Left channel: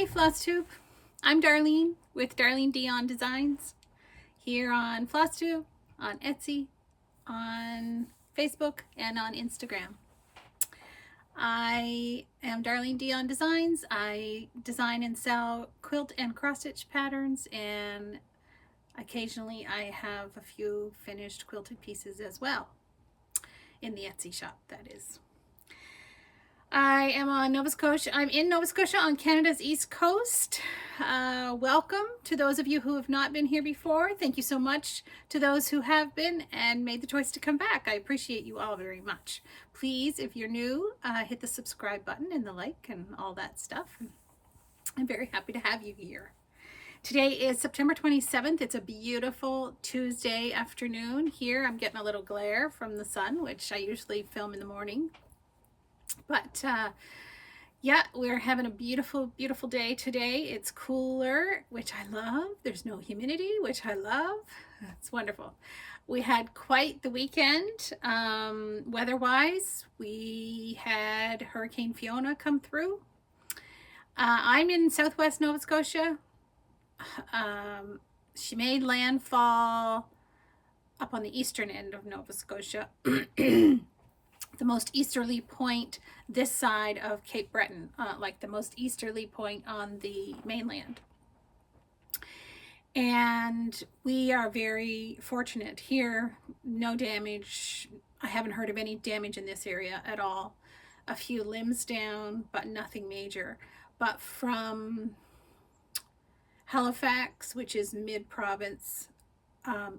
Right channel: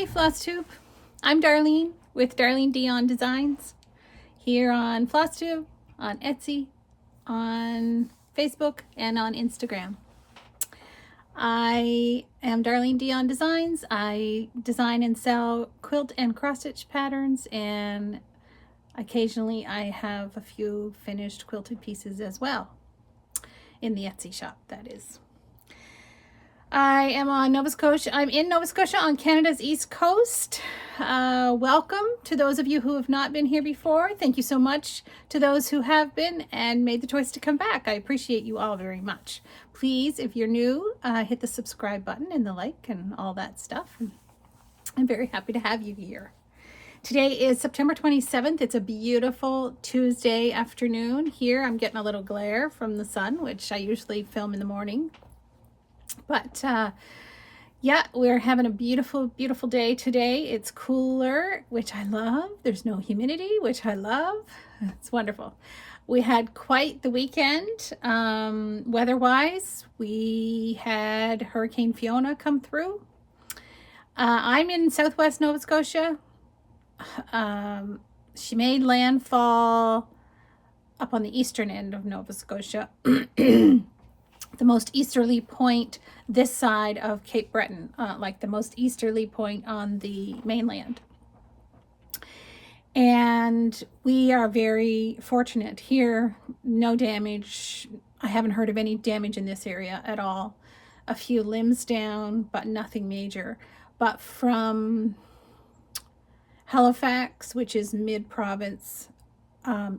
Hey Flosstube, I'm Darlene with Darlene On Designs here on Flosstube, on Etsy, on Facebook, and on Instagram. I am Darlene On Designs. I design and sell quilt and cross stitch patterns, and occasionally I have a few finished quilted pieces as well in the Etsy shop, that is. I am on Nova Scotia. I'm in Nova Scotia on Canada's East Coast. Welcome to those of you who have not been here before. Thank you so much to those who have been and made the choice to come back. I appreciate you all very much. Please, if you're new, hit the subscribe button and the like and all that stuff. I'm very happy to have you here. Today is September 27th. It's a beautiful Tuesday afternoon here. I'm getting a little glare from the sun, which I usually film in the morning. But yeah, we're having a beautiful, beautiful day today. It's cooler, which I love. There's no humidity, which I love. It's wonderful. We had quite the weekend weather-wise. We had Hurricane Fiona come through. I'm in southwest Nova Scotia. She made landfall up on the eastern end of Nova Scotia. The most easterly point this side of Cape Breton, like the most easterly point on the mainland. And we are very fortunate here. No damage. I haven't heard of any damage in this area at all. A few limbs down, but nothing major. But from Halifax, which is mid-province,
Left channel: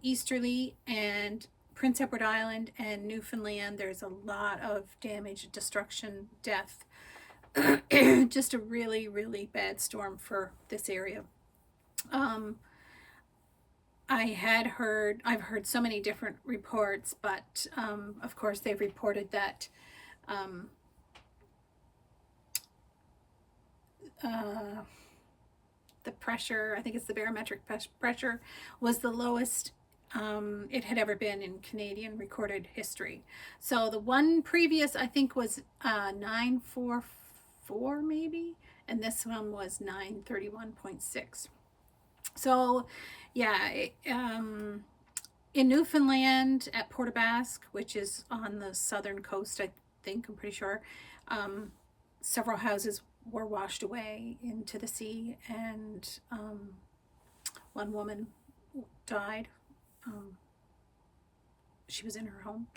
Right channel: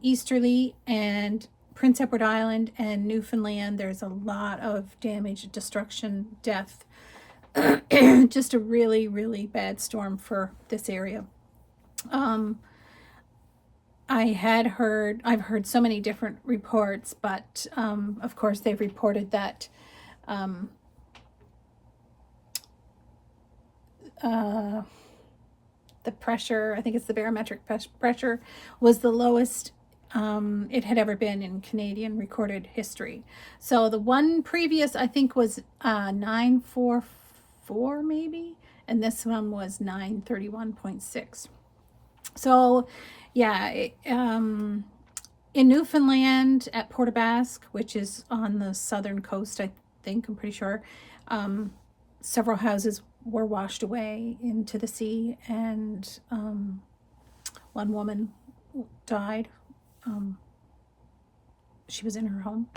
easterly, and Prince Edward Island and Newfoundland, there's a lot of damage, destruction, death. Just a really, really bad storm for this area. I've heard so many different reports, but of course they've reported that the pressure, I think it's the barometric pressure, was the lowest it had ever been in Canadian recorded history. So the one previous, I think, was 944 maybe, and this one was 931.6. So yeah, in Newfoundland at Port aux Basques, which is on the southern coast, I think, I'm pretty sure, several houses were washed away into the sea, and one woman died. She was in her home.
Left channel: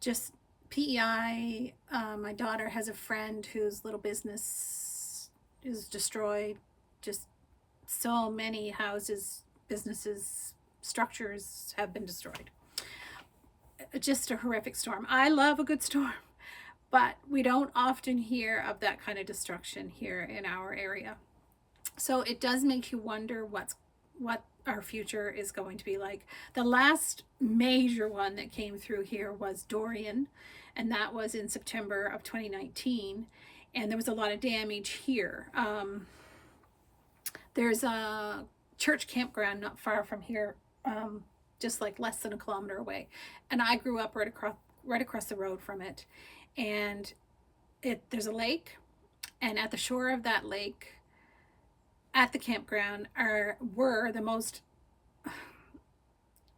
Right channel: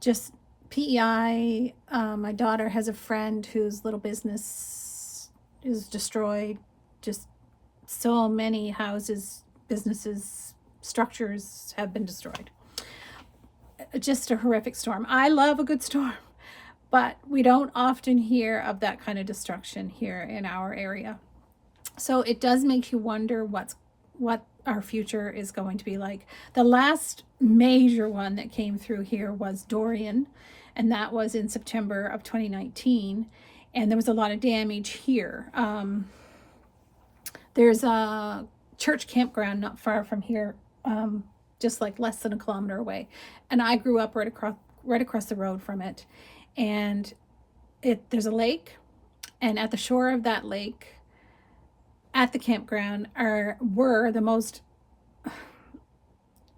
Just PEI. My daughter has a friend whose little business is destroyed. Just so many houses, businesses, structures have been destroyed. Just a horrific storm. I love a good storm, but we don't often hear of that kind of destruction here in our area. So it does make you wonder what our future is going to be like. The last major one that came through here was Dorian, and that was in September of 2019, and there was a lot of damage here. There's a church campground not far from here, just like less than a kilometer away, and I grew up right across the road from it. And there's a lake, and at the shore of that lake, at the campground, were the most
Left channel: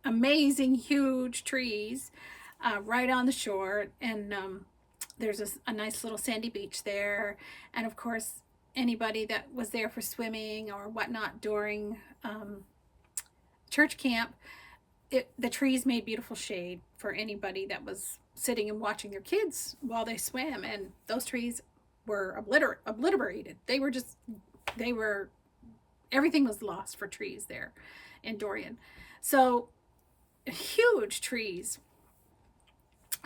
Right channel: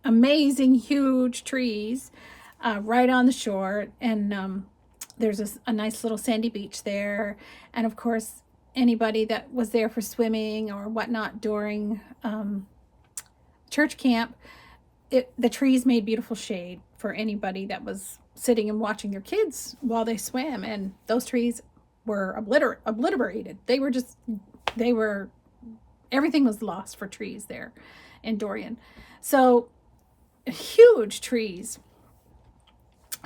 amazing huge trees right on the shore, and there's a nice little sandy beach there. And of course, anybody that was there for swimming or whatnot during church camp, the trees made beautiful shade for anybody that was sitting and watching their kids while they swam. And those trees were obliterated. Everything was lost for trees there in Dorian. So huge trees.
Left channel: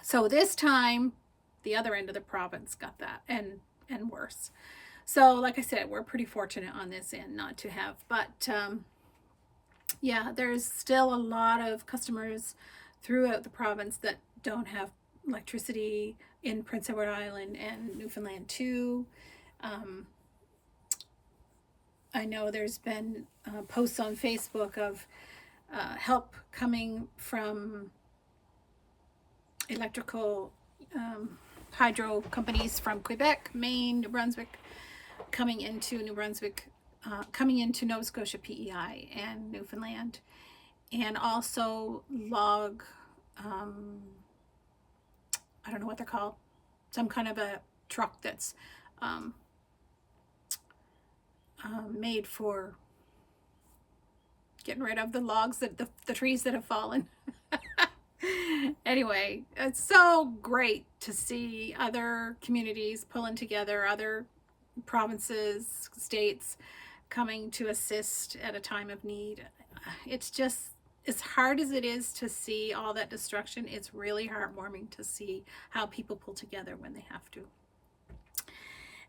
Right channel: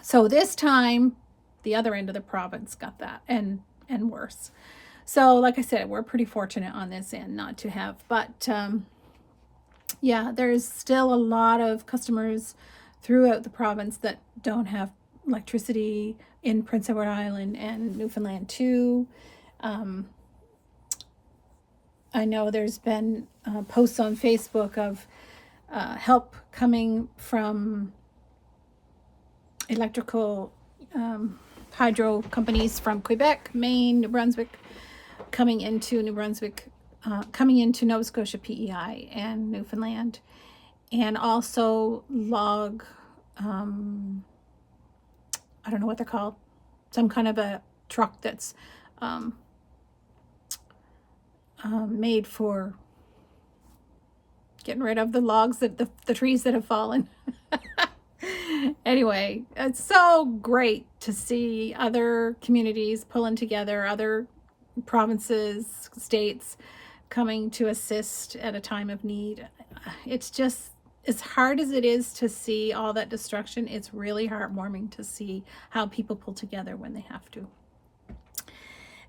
So this time, the other end of the province got that, and worse. So like I said, we're pretty fortunate on this end not to have, but yeah, there's still a lot of customers throughout the province that don't have electricity in Prince Edward Island and Newfoundland too. I know there's been posts on Facebook of help coming from electrical hydro companies from Quebec, Maine, New Brunswick, coming into New Brunswick, coming into Nova Scotia PEI and Newfoundland, and also log, I don't know what they're called, some kind of a truck that's made for getting rid of the logs, that the trees that have fallen. Anyway, it's so great to see other communities pulling together, other provinces, states coming to assist at a time of need. It's just, as hard as it is to see all that destruction, it's really heartwarming to see how people pull together when they have to.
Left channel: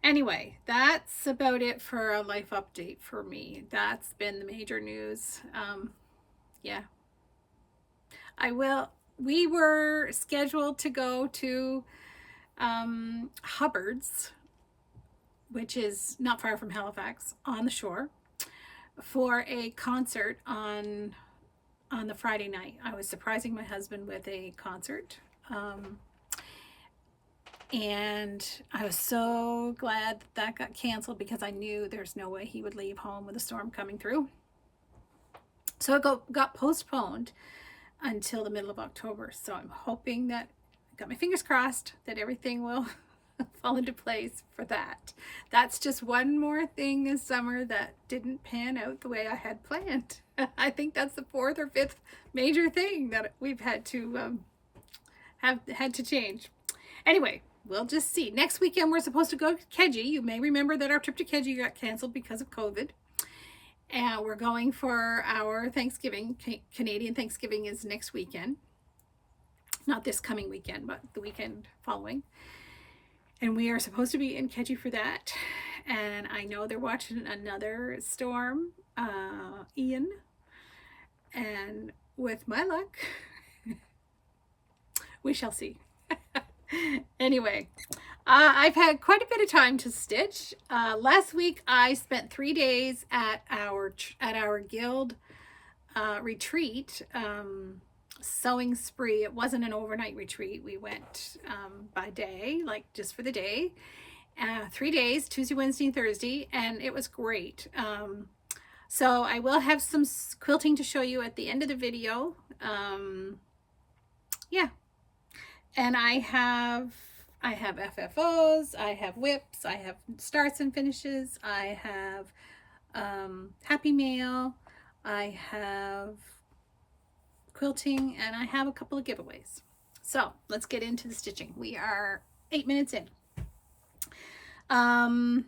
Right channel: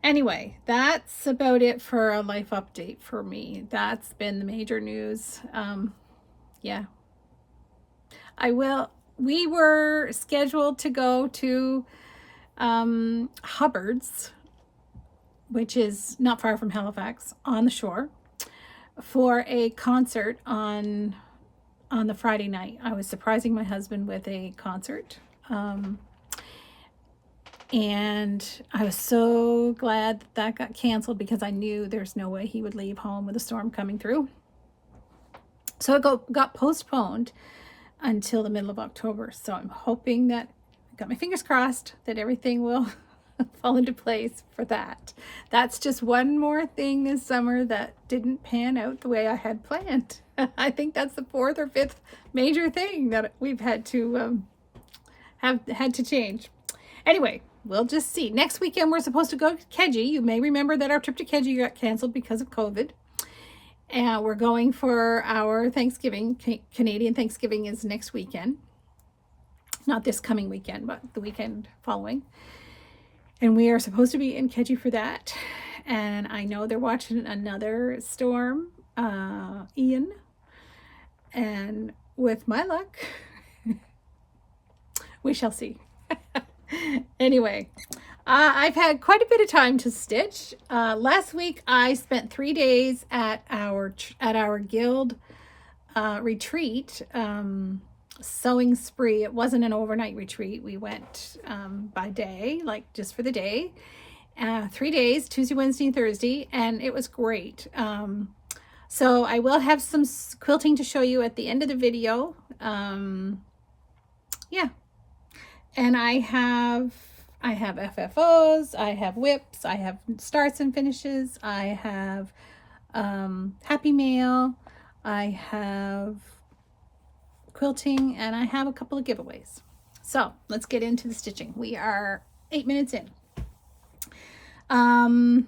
Anyway, that's about it for a life update for me. That's been the major news. Yeah. We were scheduled to go to Hubbard's, which is not far from Halifax, on the shore, for a concert on the Friday night. I was surprising my husband with a concert. And I was so glad that got canceled, because I knew there's no way he would leave home with a storm coming through. So it got postponed until the middle of October. So I'm hoping that, got my fingers crossed, that everything will fall into place for that. That's just one more thing this summer that didn't pan out the way I had planned. I think that's the 4th or 5th major thing that we've had to change. Anyway, we'll just see. Next weekend we're supposed to go to Keji. You may remember that our trip to Keji got canceled because of COVID. And we're going for our Thanksgiving. Canadian Thanksgiving is next weekend. Not this coming weekend, but the weekend following. And we are supposed to be in Keji for that. And I know they're watching another storm, Ian. And with my luck, we shall see. Anyway, I've had quite a bit of time to stitch. Last week I spent 3 days at our guild retreat, sewing spree. It wasn't an overnight retreat. We went by day, like just for the day. 3 days, Tuesday, Wednesday, and Thursday, and it was great. So I will have some quilting to show you at the end of the video. Yeah. And I have FFOs, I have whips, I have starts and finishes, I have Happy Mail, I have quilting, and I have a couple of giveaways. So let's get into the stitching. We are 8 minutes in. I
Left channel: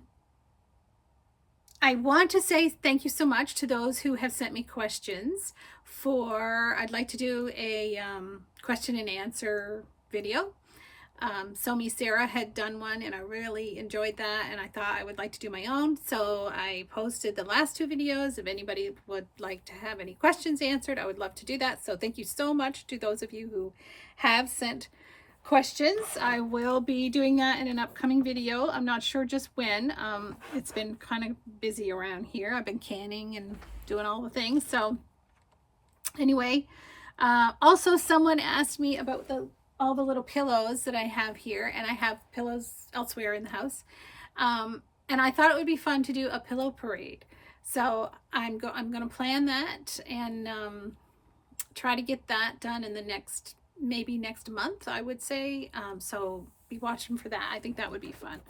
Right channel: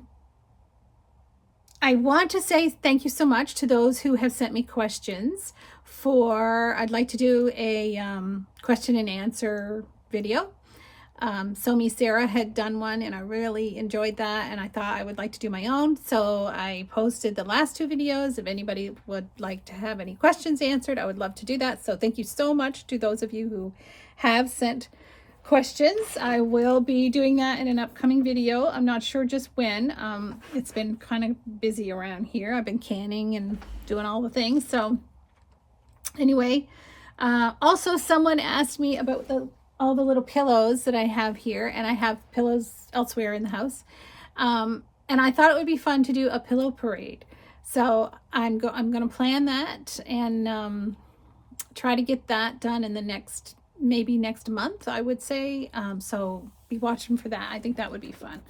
want to say thank you so much to those who have sent me questions I'd like to do a question and answer video. So me Sarah had done one and I really enjoyed that, and I thought I would like to do my own. So I posted the last 2 videos. If anybody would like to have any questions answered, I would love to do that. So thank you so much to those of you who have sent questions. I will be doing that in an upcoming video. I'm not sure just when. It's been kind of busy around here. I've been canning and doing all the things. So anyway, also someone asked me about all the little pillows that I have here, and I have pillows elsewhere in the house. And I thought it would be fun to do a pillow parade. So I'm going to plan that and try to get that done in the maybe next month, I would say. So be watching for that. I think that would be fun.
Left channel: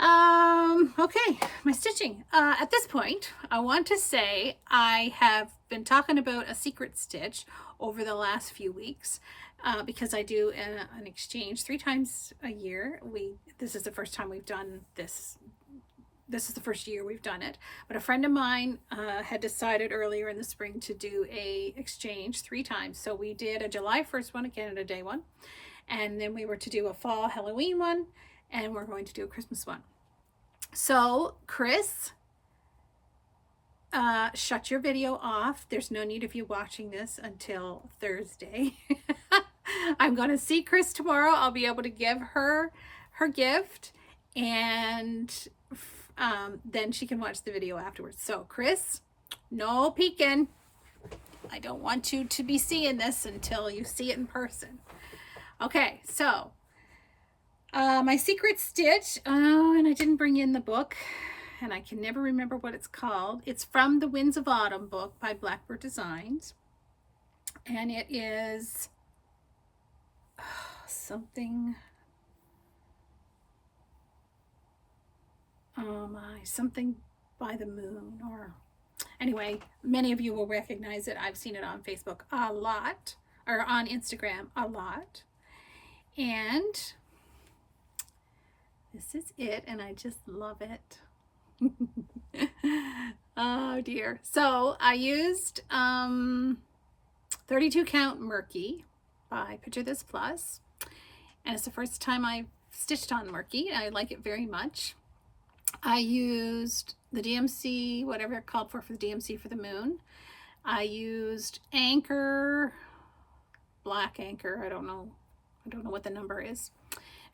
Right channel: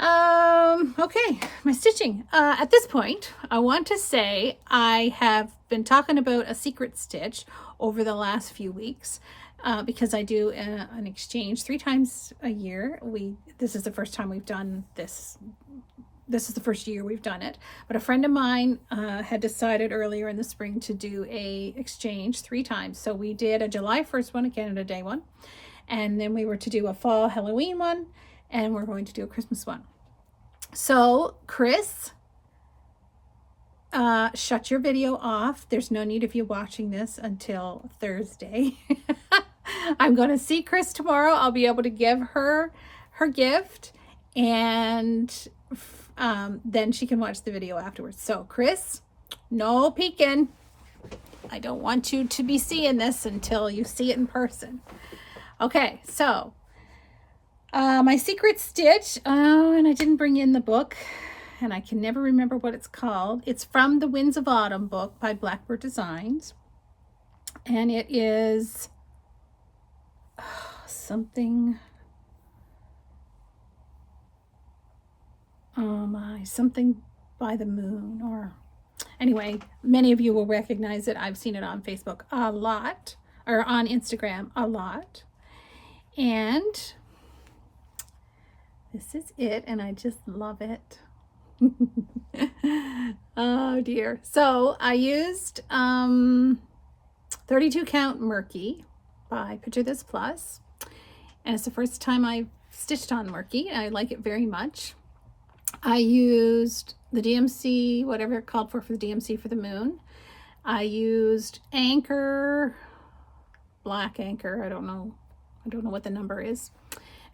Okay, my stitching. At this point, I want to say I have been talking about a secret stitch over the last few weeks. Because I do an exchange 3 times a year. This is the first time we've done this. This is the first year we've done it. But a friend of mine had decided earlier in the spring to do a exchange 3 times. So we did a July 1st one, a Canada Day one. And then we were to do a fall Halloween one. And we're going to do a Christmas one. So Chris, shut your video off. There's no need of you watching this until Thursday. I'm going to see Chris tomorrow. I'll be able to give her her gift, and then she can watch the video afterwards. So Chris, no peeking. I don't want you to be seeing this until you see it in person. Okay, so My secret stitch, oh, and I didn't bring in the book, and I can never remember what it's called. It's from the Winds of Autumn book by Blackbird Designs, and it is something, something by the moon, or anyway, many of you will recognize it. I've seen it on Facebook a lot, or on Instagram a lot, and this is it, and I just love it. Oh dear. So I used 32 count Murky by Picture This Plus, and it's the first time I've stitched on Murky. I like it very much. I used the DMC, whatever it called for the DMC for the moon. I used Anchor, black Anchor. I don't know what the number is.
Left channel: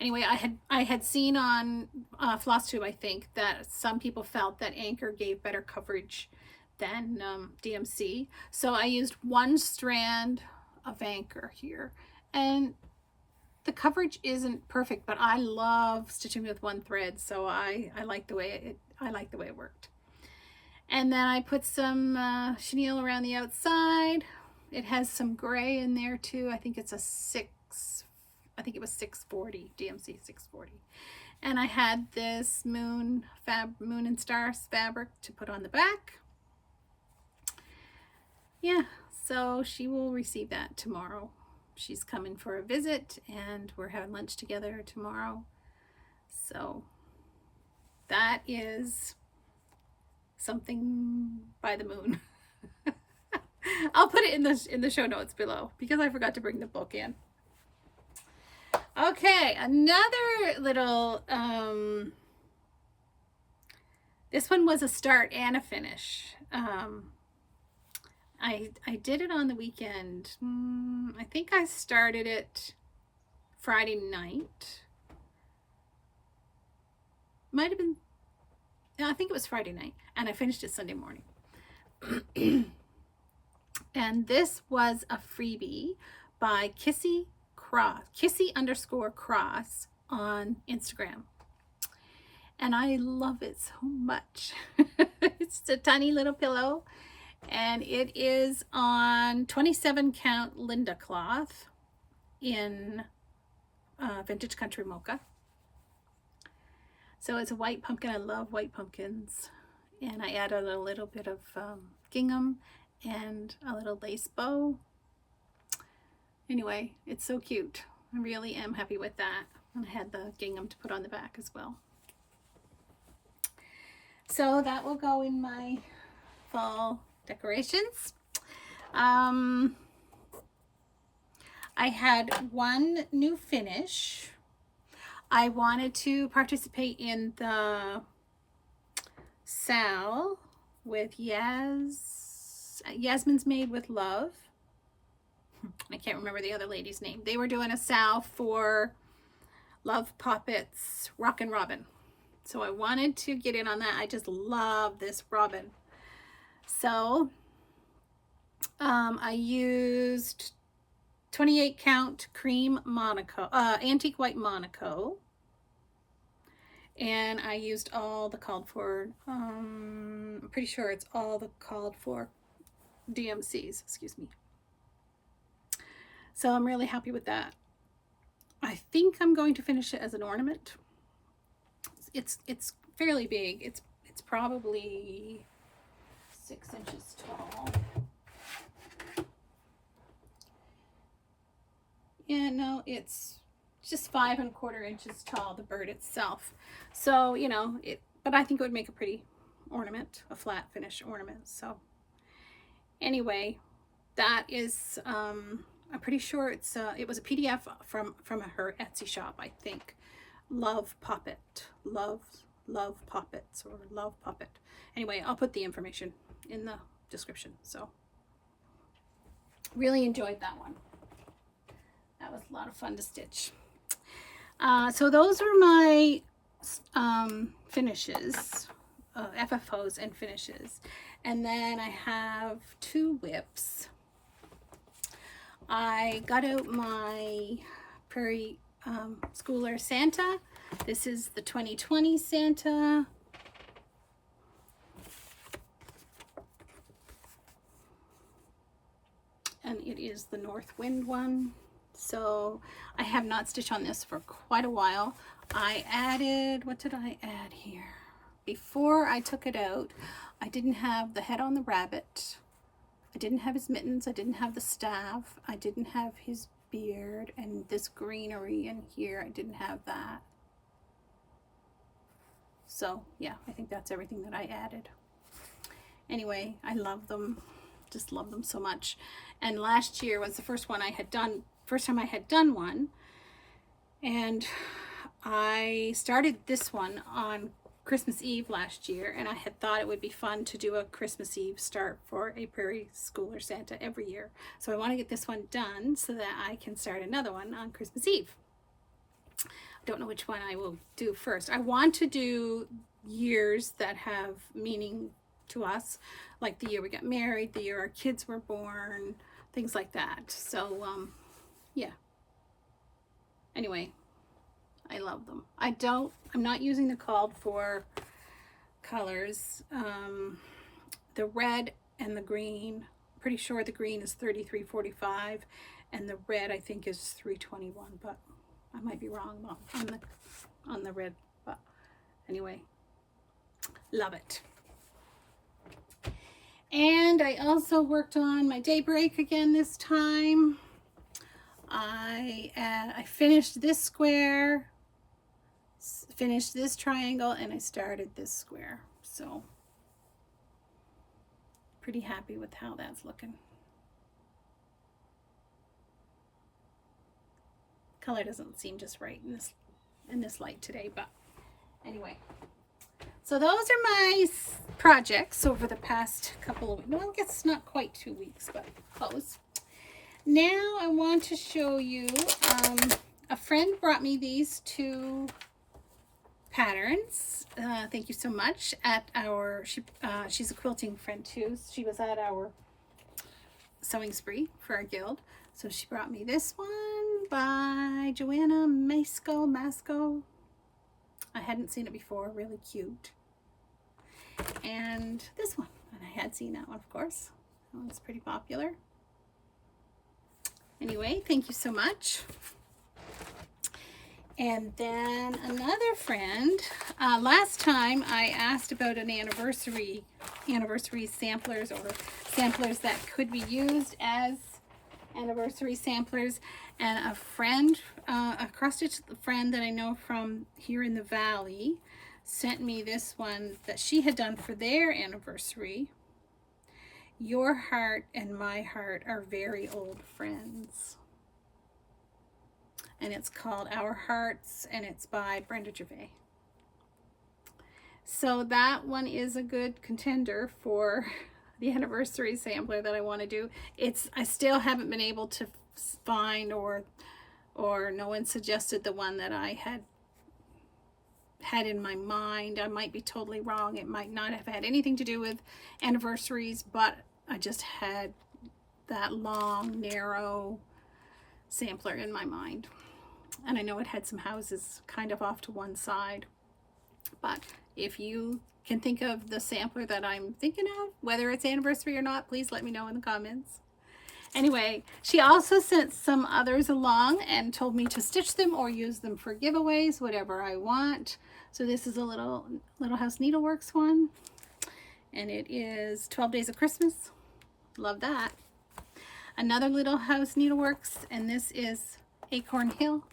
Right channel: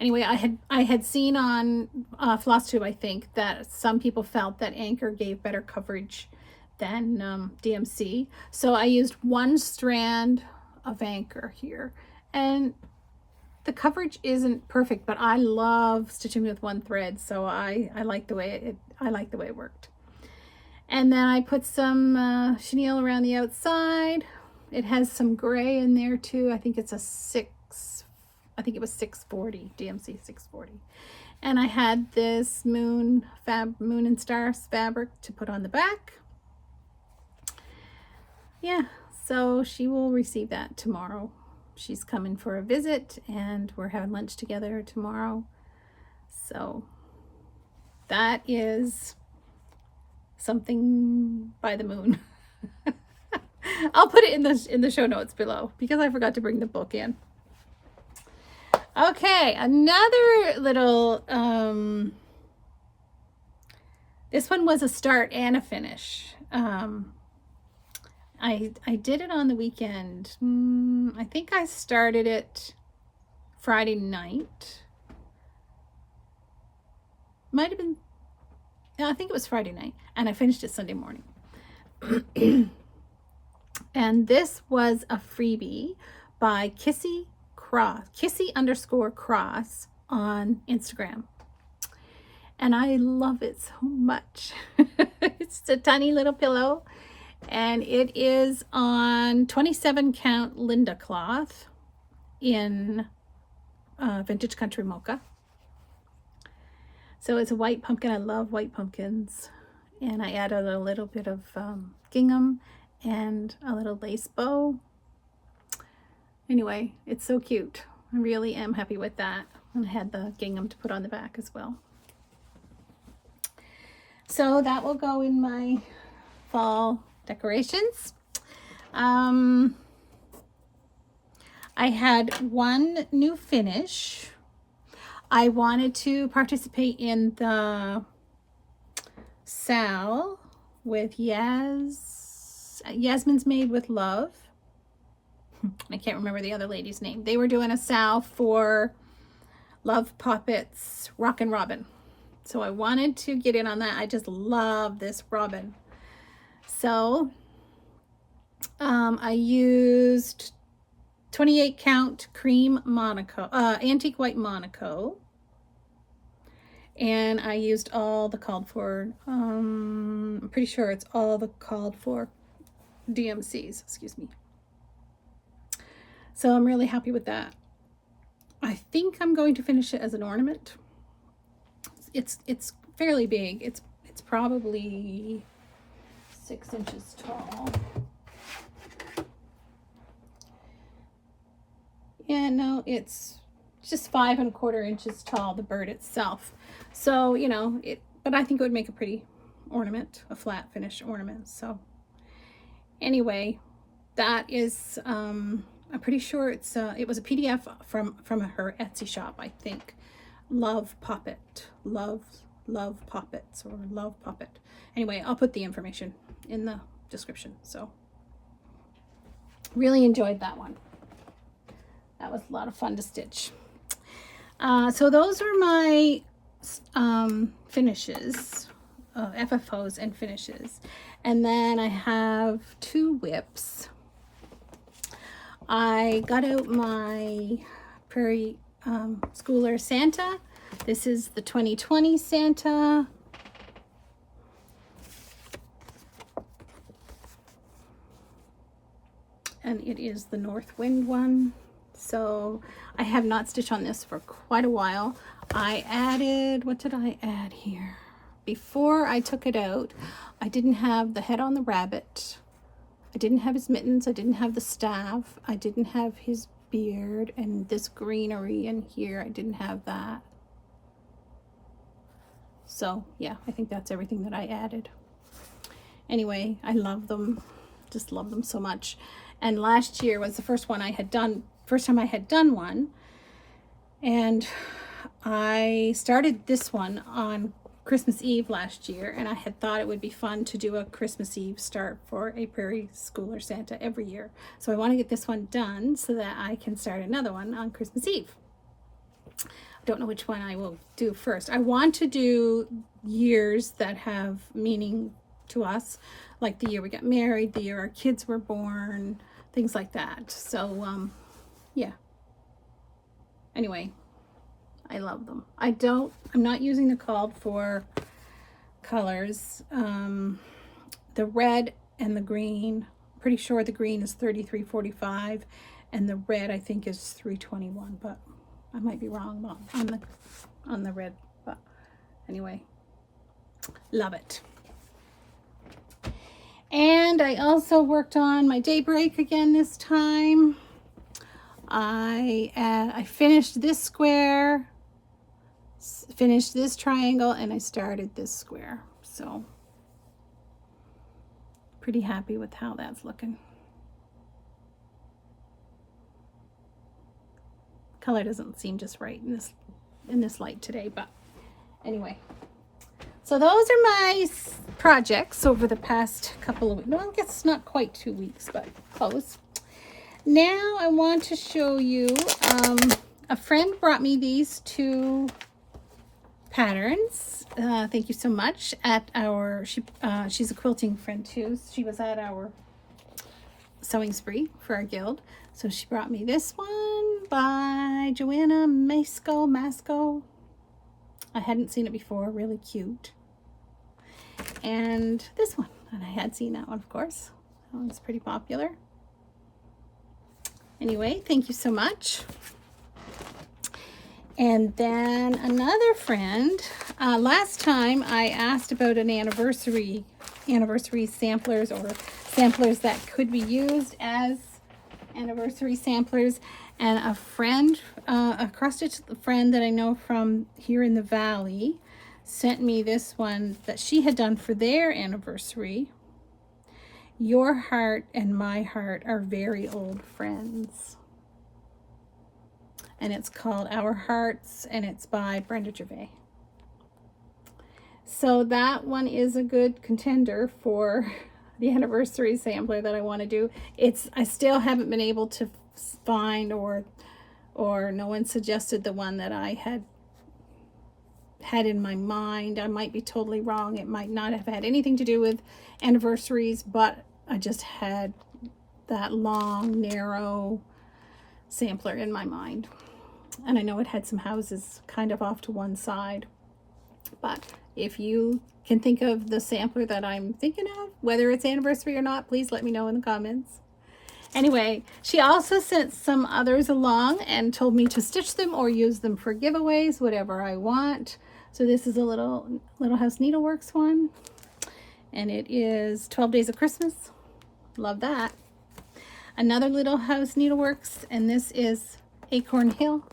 Anyway, I had seen on Flosstube, I think, that some people felt that Anchor gave better coverage than DMC. So I used one strand of Anchor here, and the coverage isn't perfect, but I love stitching with one thread, so I like the way it worked. And then I put some chenille around the outside. It has some gray in there too. I think it's a 640, DMC 640. And I had this moon and stars fabric to put on the back. Yeah, so she will receive that tomorrow. She's coming for a visit, and we're having lunch together tomorrow. So that is something by the moon. I'll put it in the show notes below because I forgot to bring the book in. Okay, another little, this one was a start and a finish. I did it on the weekend. I think I started it Friday night. Might have been, I think it was Friday night, and I finished it Sunday morning. And this was a freebie by Kissy_Cross on Instagram. And I love it so much. It's a tiny little pillow, and it is on 27 count Linda cloth in Vintage Country Mocha. So it's a white pumpkin. I love white pumpkins. And I added a little bit of gingham and a little lace bow. Anyway, it's so cute. I really am happy with that. And I had the gingham to put on the back as well. So that will go in my fall decorations. I had one new finish. I wanted to participate in the Sal with Yasmin's Made with Love. I can't remember the other lady's name. They were doing a Sal for Love Poppet's Rockin' Robin. So I wanted to get in on that. I just love this robin. So I used 28 count cream Monaco, antique white Monaco. And I used all the called for, I'm pretty sure it's all the called for DMCs, excuse me. So I'm really happy with that. I think I'm going to finish it as an ornament. It's fairly big. It's probably 6 inches tall. Yeah, no, it's just 5 1/4 inches tall, the bird itself. So, you know, but I think it would make a pretty ornament, a flat finish ornament. So anyway, that is, I'm pretty sure it was a PDF from her Etsy shop, I think. Love Poppet, love Poppets, or Love Poppet. Anyway, I'll put the information in the description. So really enjoyed that one. That was a lot of fun to stitch. So those are my finishes, FFOs and finishes. And then I have 2 whips. I got out my Prairie Schooler Santa. This is the 2020 Santa. And it is the North Wind one. So I have not stitched on this for quite a while. I added, what did I add here? Before I took it out, I didn't have the head on the rabbit. I didn't have his mittens. I didn't have the staff. I didn't have his beard and this greenery in here. I didn't have that. So yeah, I think that's everything that I added. Anyway, I love them. Just love them so much. And last year was the first time I had done one. And I started this one on Christmas Eve last year, and I had thought it would be fun to do a Christmas Eve start for a Prairie Schooler Santa every year. So I want to get this one done so that I can start another one on Christmas Eve. I don't know which one I will do first. I want to do years that have meaning to us, like the year we got married, the year our kids were born, things like that. So yeah. Anyway, I love them. I'm not using the called for colors. The red and the green, pretty sure the green is 33.45 and the red I think is 3.21, but I might be wrong on the red, but anyway, love it. And I also worked on my daybreak again this time. I finished this square, finished this triangle, and I started this square. So pretty happy with how that's looking. Color doesn't seem just right in this light today, but anyway. So those are my projects over the past couple of weeks. Well, I guess it's not quite 2 weeks, but close. Now I want to show you, a friend brought me these two patterns. Thank you so much. She's a quilting friend too. She was at our sewing spree for our guild. So she brought me this one by Joanna Masco. I hadn't seen it before, really cute. And this one, and I had seen that one, of course. That one's pretty popular. Anyway, thank you so much. And then another friend, last time I asked about an anniversary samplers or samplers that could be used as anniversary samplers, and a friend, a cross-stitch friend that I know from here in the valley sent me this one that she had done for their anniversary. Your heart and my heart are very old friends. And it's called Our Hearts, and it's by Brenda Gervais. So that one is a good contender for the anniversary sampler that I want to do. I still haven't been able to find, or no one suggested the one that I had in my mind. I might be totally wrong. It might not have had anything to do with anniversaries, but I just had that long, narrow sampler in my mind. And I know it had some houses kind of off to one side. But if you can think of the sampler that I'm thinking of, whether it's anniversary or not, please let me know in the comments. Anyway, she also sent some others along and told me to stitch them or use them for giveaways, whatever I want. So this is a Little House Needleworks one, and it is 12 Days of Christmas. Love that. Another Little House Needleworks, and this is Acorn Hill.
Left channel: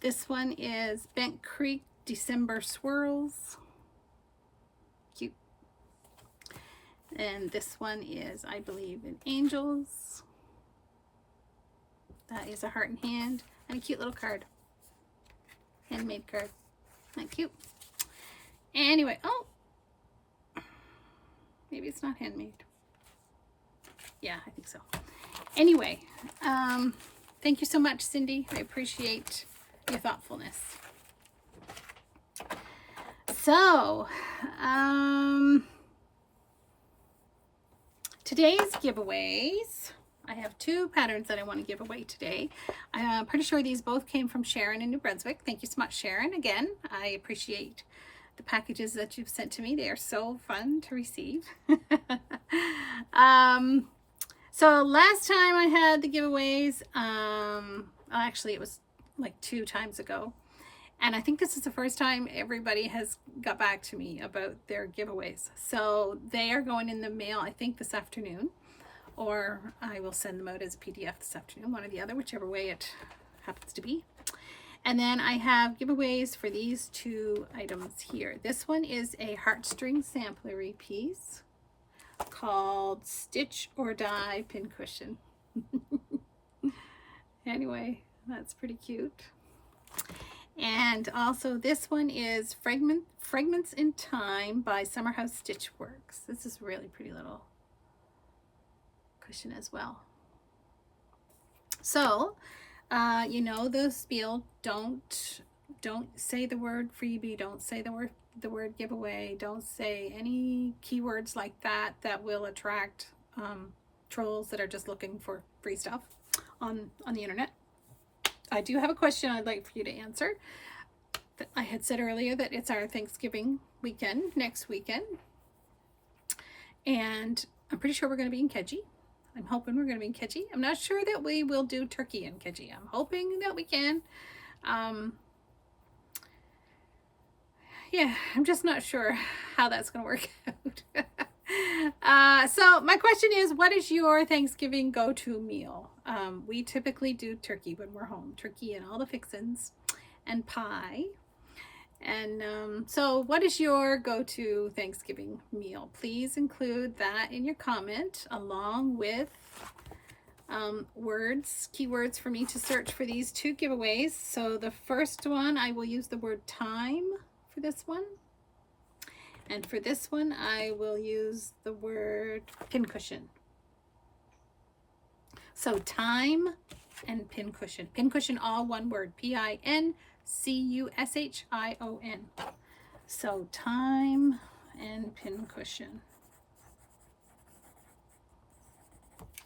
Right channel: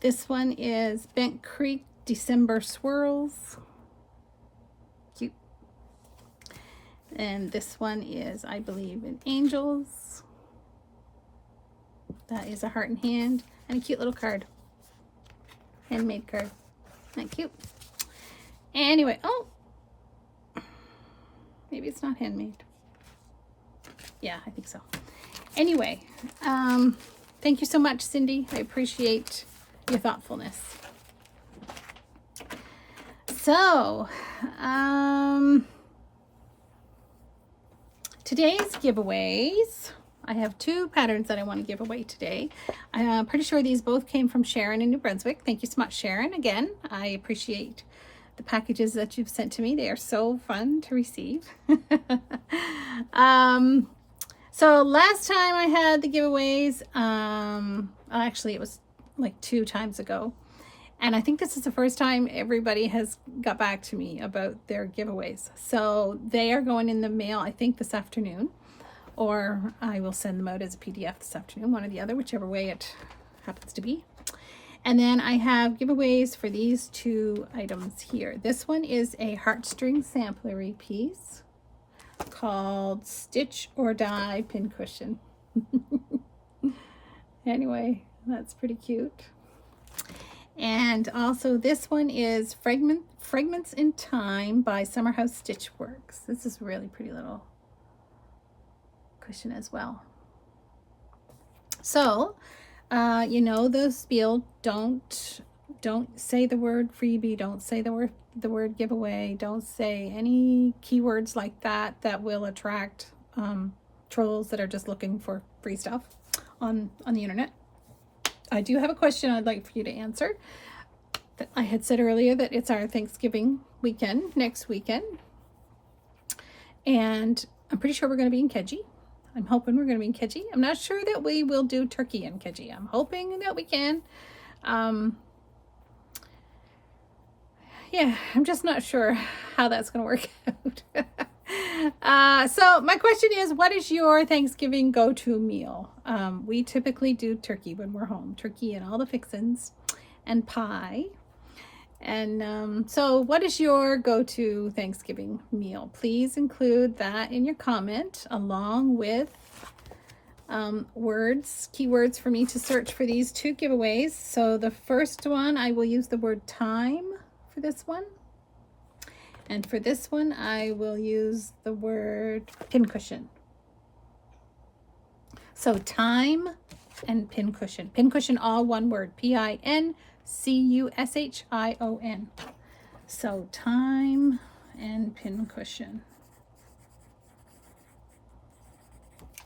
This one is Bent Creek December Swirls. Cute. And this one is I Believe in Angels. That is a heart and hand and a cute little card. Handmade card. Isn't that cute? Anyway, oh, maybe it's not handmade. Yeah, I think so. Anyway, thank you so much, Cindy. I appreciate your thoughtfulness. So, today's giveaways, I have 2 patterns that I want to give away today. I'm pretty sure these both came from Sharon in New Brunswick. Thank you so much, Sharon. Again, I appreciate the packages that you've sent to me. They are so fun to receive. So last time I had the giveaways, actually it was like 2 times ago. And I think this is the first time everybody has got back to me about their giveaways. So they are going in the mail, I think this afternoon, or I will send them out as a PDF this afternoon, one or the other, whichever way it happens to be. And then I have giveaways for these 2 items here. This one is a heartstring samplery piece called Stitch or Die Pincushion. Anyway, that's pretty cute. And also this one is Fragments in Time by Summerhouse Stitch Works. This is a really pretty little cushion as well. So, you know the spiel, don't say the word freebie, don't say the word giveaway, don't say any keywords like that that will attract trolls that are just looking for free stuff on the internet. I do have a question I'd like for you to answer. I had said earlier that it's our Thanksgiving weekend, next weekend. And I'm pretty sure we're going to be in Keji. I'm hoping we're going to be in Keji. I'm not sure that we will do turkey in Keji. I'm hoping that we can. Yeah, I'm just not sure how that's going to work out. So my question is, what is your Thanksgiving go-to meal? We typically do turkey when we're home. Turkey and all the fixins and pie. And so what is your go-to Thanksgiving meal? Please include that in your comment along with keywords for me to search for these 2 giveaways. So the first one, I will use the word time for this one. And for this one, I will use the word pincushion. So time and pincushion. Pincushion, all one word. Pincushion. So time and pincushion.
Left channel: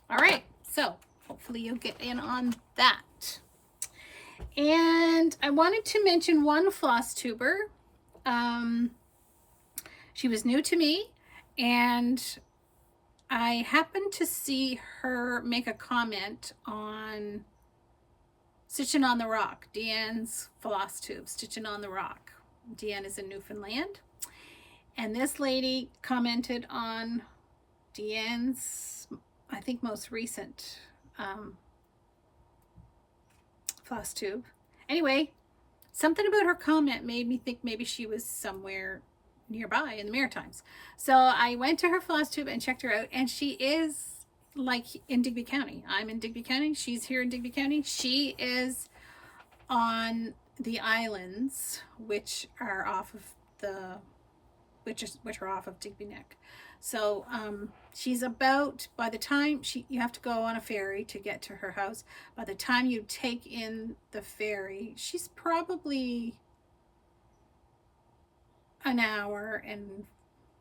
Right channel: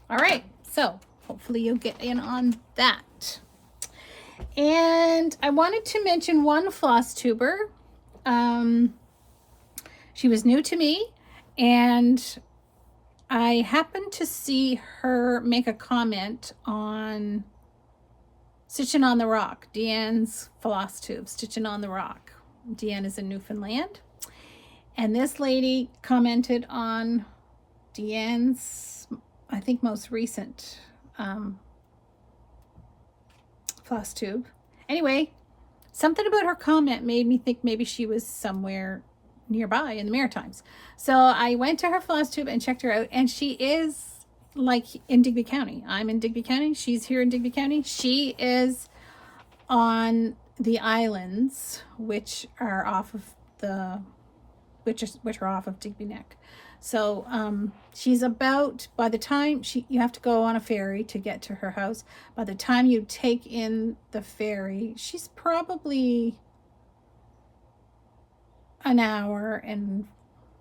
All right. So hopefully you'll get in on that. And I wanted to mention one Flosstuber. She was new to me, and I happened to see her make a comment on Stitching on the Rock, Deanne's Flosstube, Stitching on the Rock. Deanne is in Newfoundland. And this lady commented on Deanne's, I think, most recent Flosstube. Anyway, something about her comment made me think maybe she was somewhere nearby in the Maritimes. So I went to her Flosstube and checked her out, and she is like in Digby County. I'm in Digby County. She's here in Digby County. She is on the islands, which are off of Digby Neck. So she's about, by the time you have to go on a ferry to get to her house. By the time you take in the ferry, she's probably an hour and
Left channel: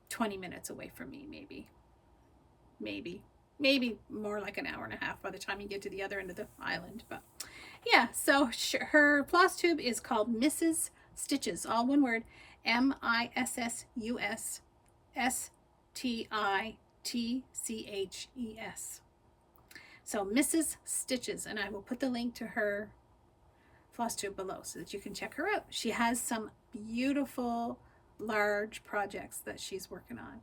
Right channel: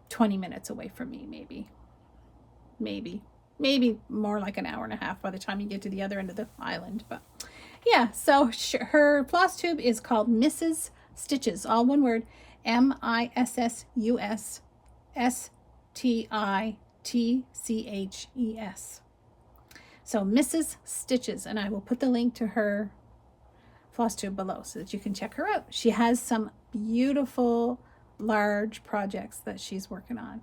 20 minutes away from me, maybe more like an hour and a half by the time you get to the other end of the island. But yeah, so her Flosstube is called Mrs. Stitches, all one word, MISSUS STITCHES. So Mrs. Stitches, and I will put the link to her Flosstube below so that you can check her out. She has some beautiful large projects that she's working on.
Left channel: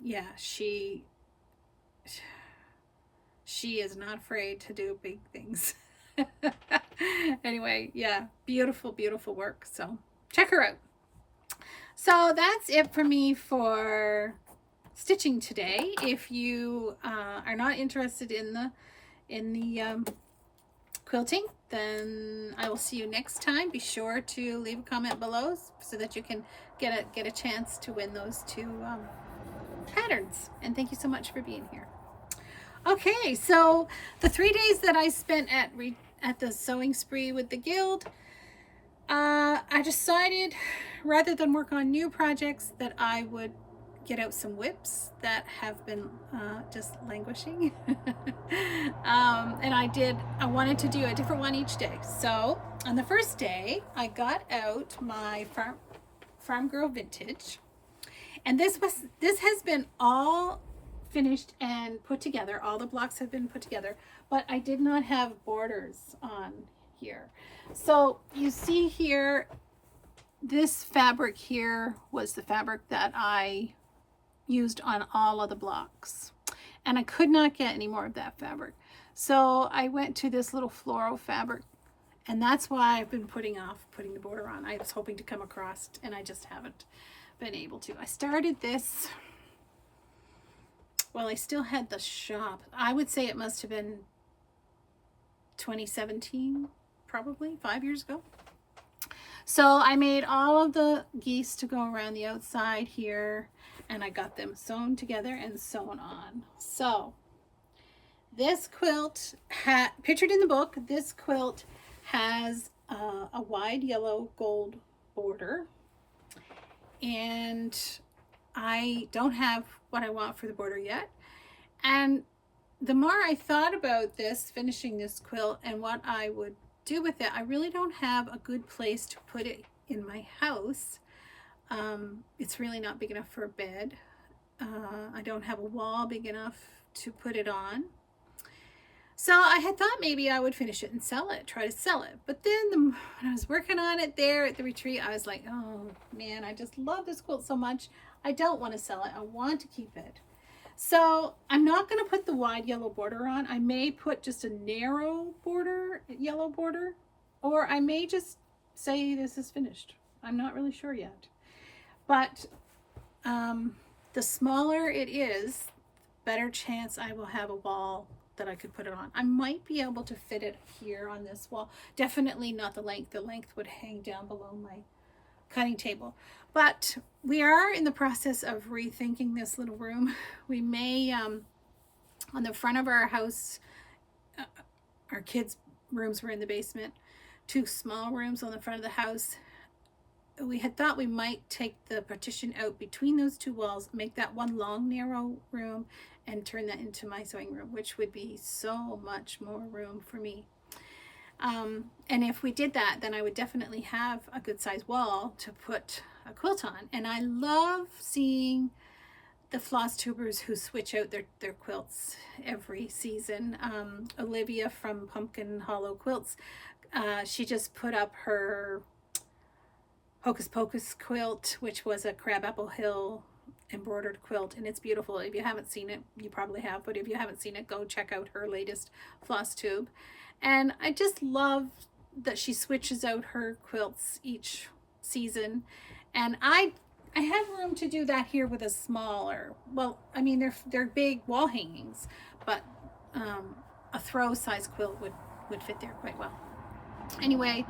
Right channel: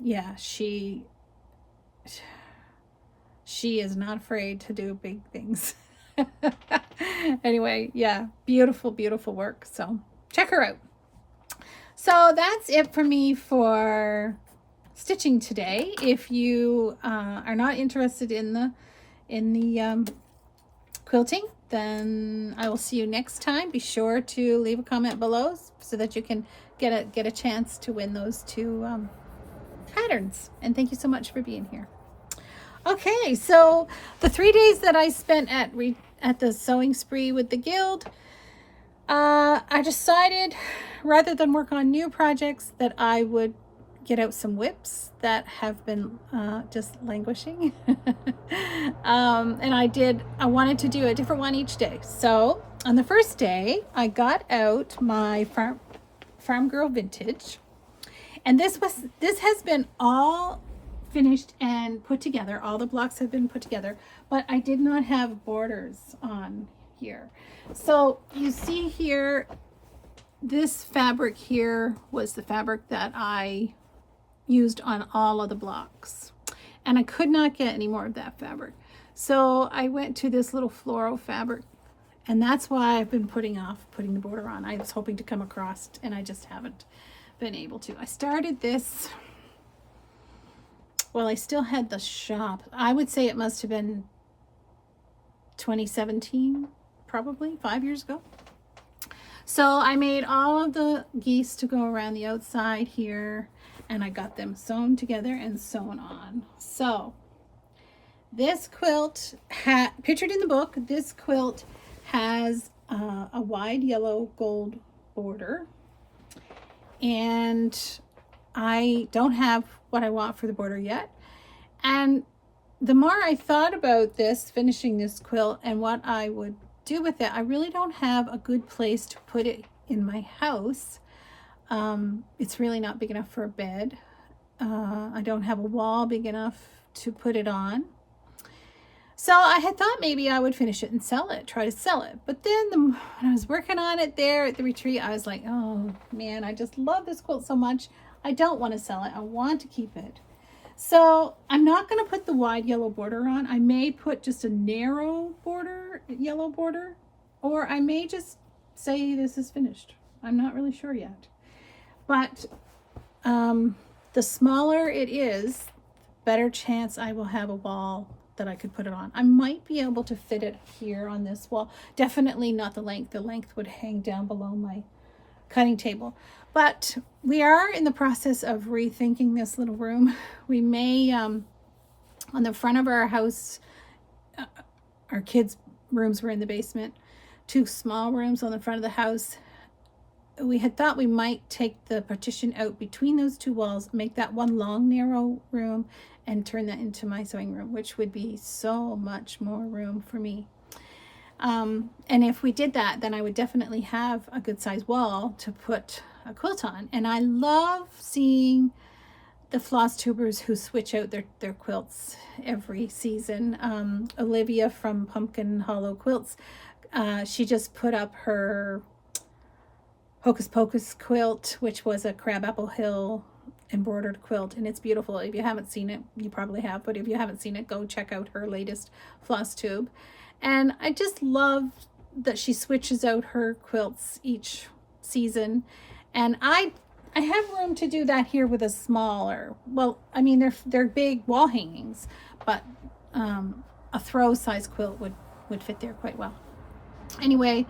Yeah, she is not afraid to do big things. Anyway, yeah, beautiful work. So check her out. So that's it for me for stitching today. If you are not interested in the quilting, then I will see you next time. Be sure to leave a comment below so that you can get a chance to win those 2 patterns. And thank you so much for being here. Okay, so the 3 days that I spent at the sewing spree with the guild, I decided rather than work on new projects that I would get out some whips that have been just languishing. And I wanted to do a different one each day. So on the first day, I got out my Farm Girl Vintage. And this has been all finished and put together. All the blocks have been put together, but I did not have borders on here. So you see here, this fabric here was the fabric that I used on all of the blocks, and I could not get any more of that fabric. So I went to this little floral fabric, and that's why I've been putting off putting the border on. I was hoping to come across, and I just haven't been able to. I started this, well, I still had the shop. I would say it must have been 2017, probably 5 years ago. So I made all of the geese to go around the outside here, and I got them sewn together and sewn on. So this quilt, pictured in the book, this quilt has a wide yellow gold border, and I don't have what I want for the border yet. And the more I thought about this, finishing this quilt and what I would do with it, I really don't have a good place to put it in my house. It's really not big enough for a bed. I don't have a wall big enough to put it on. So I had thought maybe I would finish it and sell it, try to sell it. But then when I was working on it there at the retreat, I was like, oh man, I just love this quilt so much. I don't want to sell it. I want to keep it. So I'm not going to put the wide yellow border on. I may put just a narrow border, yellow border, or I may just say this is finished. I'm not really sure yet. But the smaller it is, better chance I will have a wall that I could put it on. I might be able to fit it here on this wall. Definitely not the length. The length would hang down below my cutting table. But we are in the process of rethinking this little room. We may, on the front of our house, our kids' rooms were in the basement, 2 small rooms on the front of the house. We had thought we might take the partition out between those 2 walls, make that one long, narrow room, and turn that into my sewing room, which would be so much more room for me. And if we did that, then I would definitely have a good size wall to put a quilt on. And I love seeing the Flosstubers who switch out their quilts every season. Olivia from Pumpkin Hollow Quilts, she just put up her Hocus Pocus quilt, which was a Crabapple Hill embroidered quilt, and it's beautiful. If you haven't seen it, you probably have, but if you haven't seen it, go check out her latest Flosstube. And I just love that she switches out her quilts each season. And I have room to do that here with a smaller, well, I mean, they're big wall hangings, but a throw size quilt would fit there quite well. Anyway,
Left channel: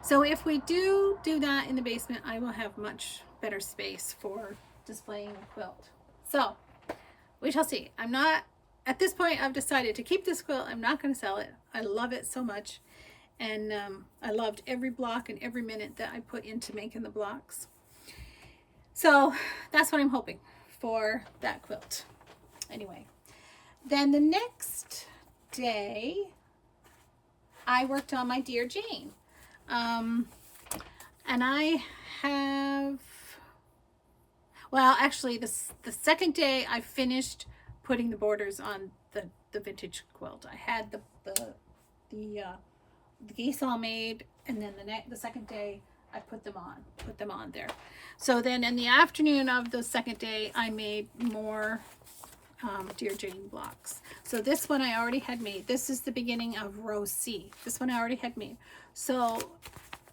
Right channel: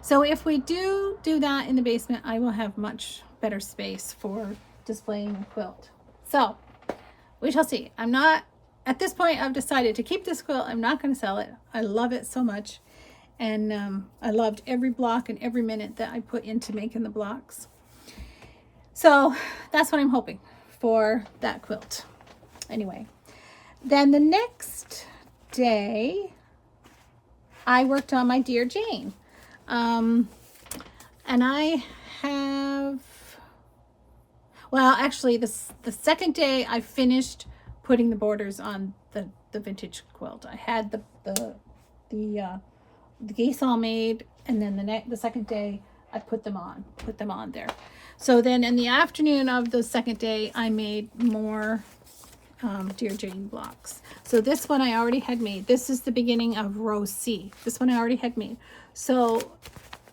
so if we do that in the basement, I will have much better space for displaying the quilt. So we shall see. I'm not, at this point, I've decided to keep this quilt. I'm not going to sell it. I love it so much. And I loved every block and every minute that I put into making the blocks. So that's what I'm hoping for that quilt. Anyway, then the next day, I worked on my Dear Jane. And I have, well, actually the second day I finished putting the borders on the vintage quilt. I had the geese all made, and then the second day I put them on there. So then in the afternoon of the second day, I made more Dear Jane blocks. So this one I already had made. This is the beginning of row C. This one I already had made. So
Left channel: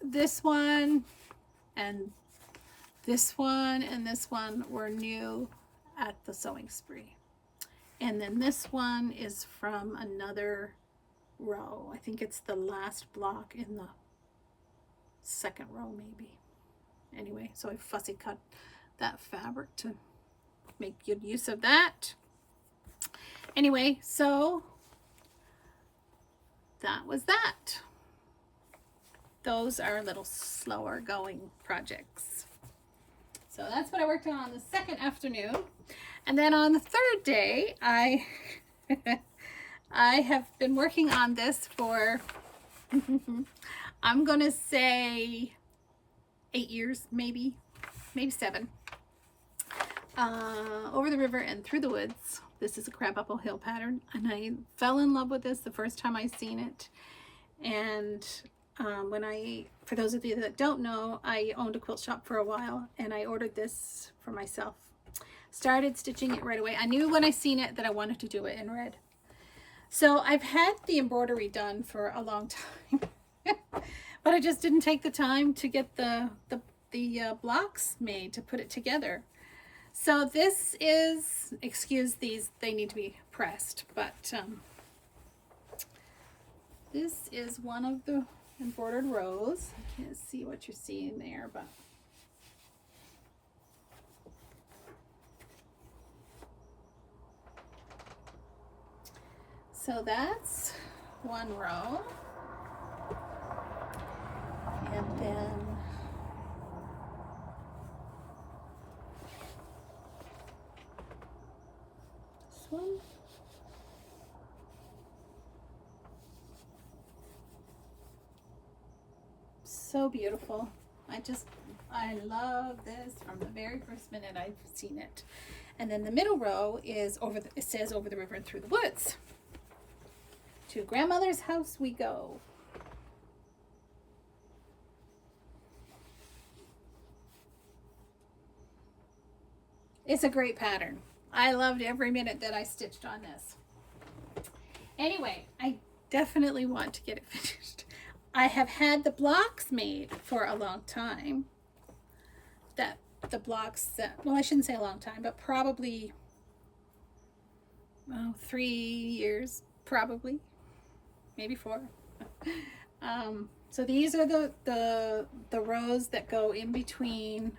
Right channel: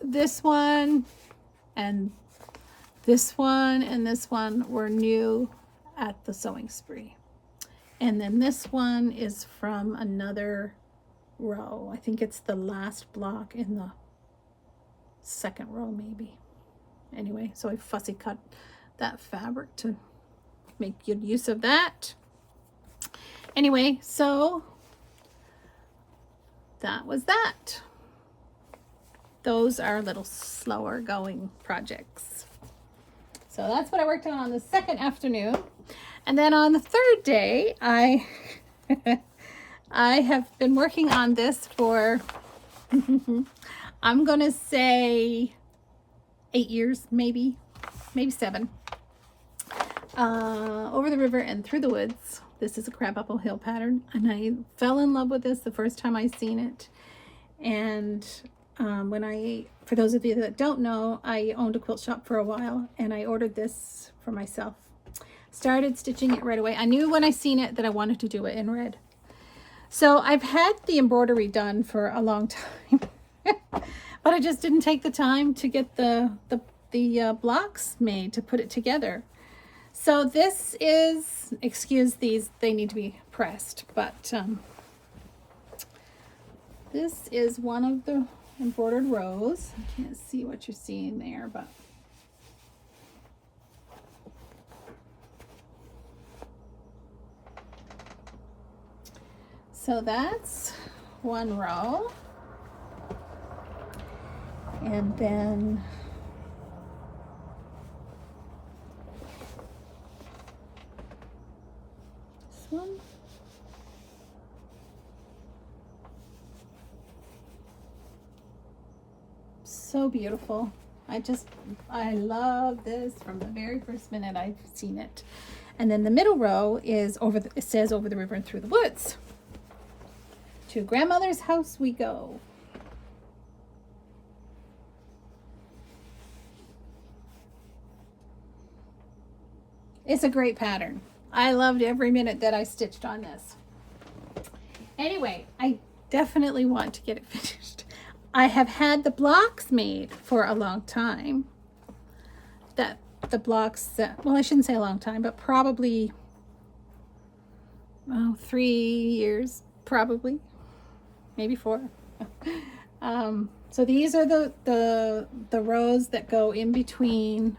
this one and this one and this one were new at the sewing spree. And then this one is from another row. I think it's the last block in the second row maybe. Anyway, so I fussy cut that fabric to make good use of that. Anyway, so that was that. Those are a little slower going projects. So So that's what I worked on the second afternoon. And then on the third day, I have been working on this for, I'm going to say 8 years, maybe 7. Over the river and through the woods. This is a Crabapple Hill pattern, and I fell in love with this the first time I seen it. And for those of you that don't know, I owned a quilt shop for a while, and I ordered this for myself. Started stitching it right away. I knew when I seen it that I wanted to do it in red. So I've had the embroidery done for a long time, but I just didn't take the time to get the blocks made to put it together. So this is, excuse these, they need to be pressed, but this is one of the embroidered rows. I can't see what you're seeing there, but so that's one row. And then this one. So beautiful. I love this from the very first minute I've seen it. And then the middle row is it says over the river and through the woods. To grandmother's house we go. It's a great pattern. I loved every minute that I stitched on this. Anyway, I definitely want to get it finished. I have had the blocks made for a long time. Well, I shouldn't say a long time, but probably 3 years, probably, maybe 4. So these are the rows that go in between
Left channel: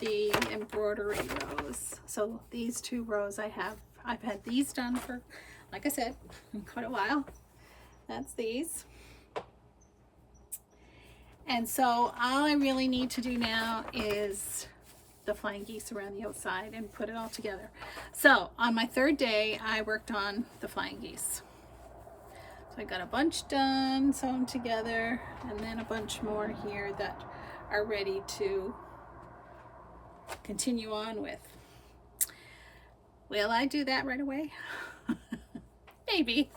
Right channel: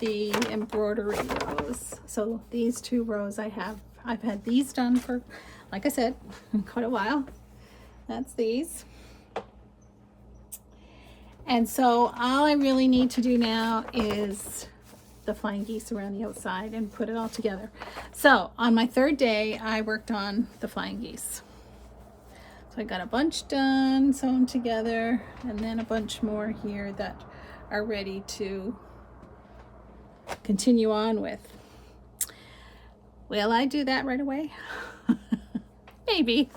the embroidery rows. So these 2 rows I've had these done for, like I said, quite a while. That's these. And so all I really need to do now is the flying geese around the outside and put it all together. So on my third day, I worked on the flying geese. So I got a bunch done, sewn together, and then a bunch more here that are ready to continue on with. Will I do that right away? Maybe.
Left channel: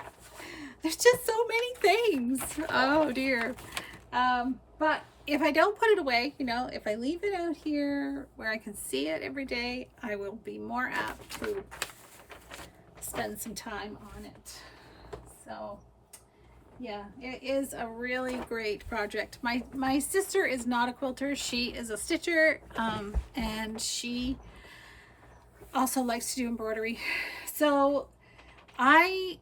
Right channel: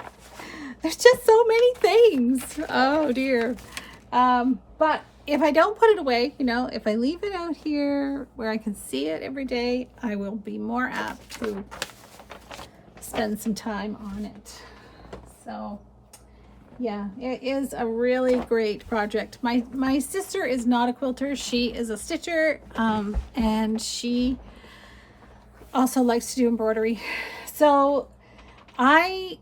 There's just so many things. Oh dear. But if I don't put it away, if I leave it out here where I can see it every day, I will be more apt to spend some time on it. So yeah, it is a really great project. My sister is not a quilter. She is a stitcher, and she also likes to do embroidery. So I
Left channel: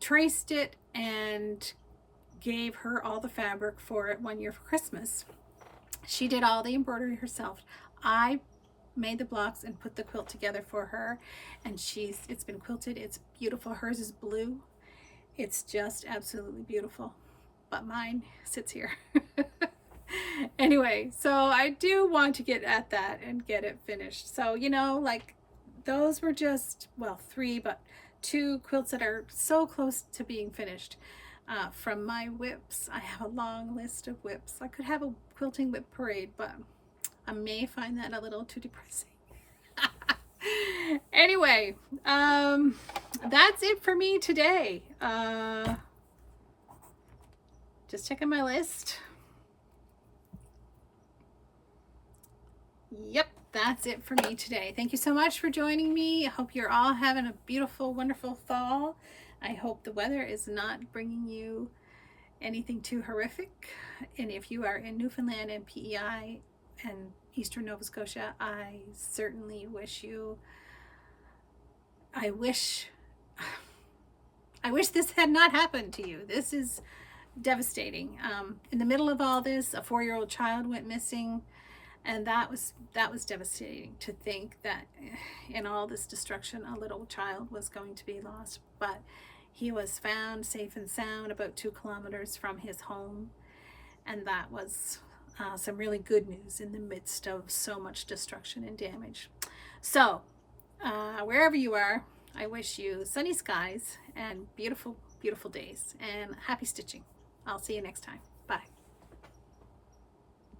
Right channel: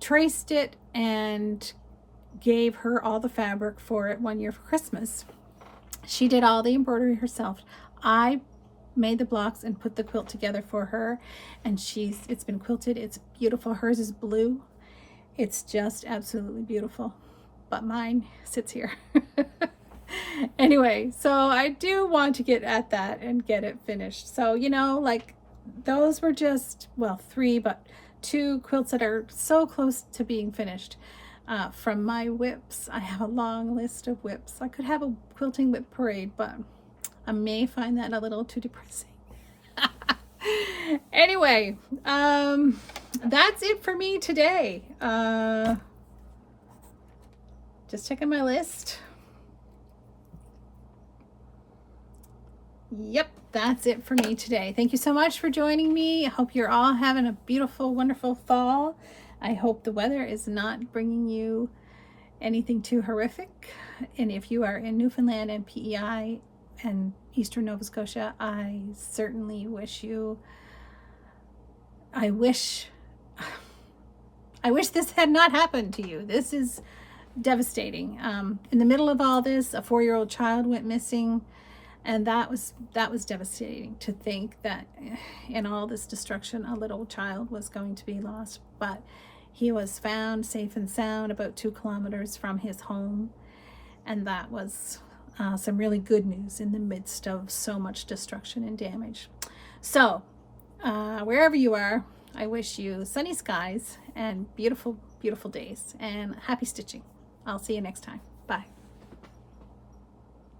traced it and gave her all the fabric for it one year for Christmas. She did all the embroidery herself. I made the blocks and put the quilt together for her, and it's been quilted. It's beautiful. Hers is blue. It's just absolutely beautiful, but mine sits here. Anyway, so I do want to get at that and get it finished. So like those were just, well, 3, but 2 quilts that are so close to being finished. From my whips, I have a long list of whips. I could have a quilting whip parade, but I may find that a little too depressing. Anyway, that's it for me today. Just checking my list. Yep, that's it for me today. Thank you so much for joining me. I hope you're all having a beautiful, wonderful fall. I hope the weather is not bringing you anything too horrific. And if you are in Newfoundland and PEI and Eastern Nova Scotia, I certainly wish you, I wish this had not happened to you. This is devastating. In the middle of all this, a 4-year-old child went missing, and that was devastating to think that in all this destruction, a little child was going to be lost. But he was found safe and sound about 2 kilometers from his home, and that was some really good news in the midst of so much destruction and damage. So wherever you are, I wish you sunny skies and beautiful, beautiful days, and happy stitching. I'll see you next time.